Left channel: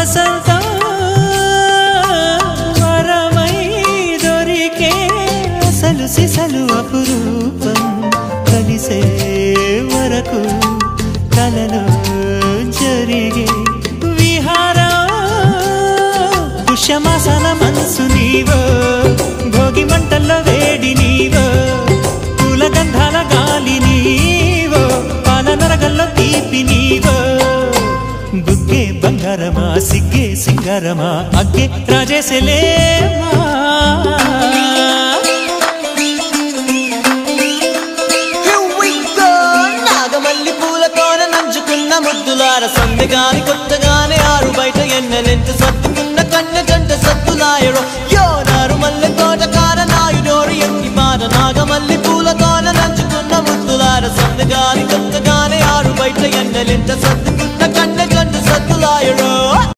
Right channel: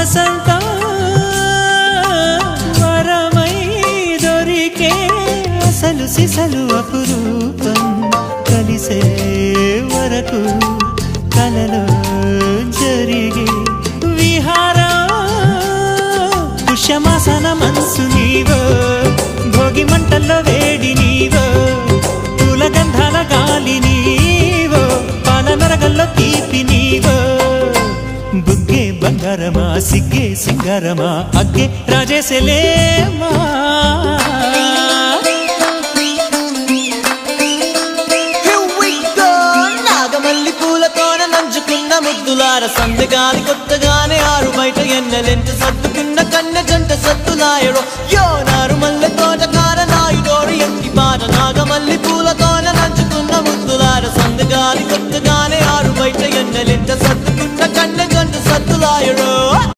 వసంతం వరమై దొరికే అసలు సిసలు అపురూపం కలిసే వరకు కలలో జరిగే విహారం పుష్యమాసన మనసు నీవో భోగి మంటల్లో వేడి నీవో పూల గంధాల గాలి నీవో పాల నరగల్లో తీపి నీవో బుగ్గే బంగారమా సిగ్గే సింగారమా అగ్గే రాజేసలేమా నాగమల్లి పూలతోన నంచుకున్న ముద్దులార సందెగాని కొత్తగానే ఆరు బయట ఎన్నెలెంట సర్దుకున్న కన్నె జంట సత్తులాయడో యో నారు మల్లె తోటకార నాయుడోరు ఎంకి బాట నాగమల్లి పూలతోన నంచుకున్న ముద్దులార సందెగాని కొత్తగానే ఆరు బయట ఎన్నెలెంట సర్దుకున్న కన్నె జంట సత్తులాయడో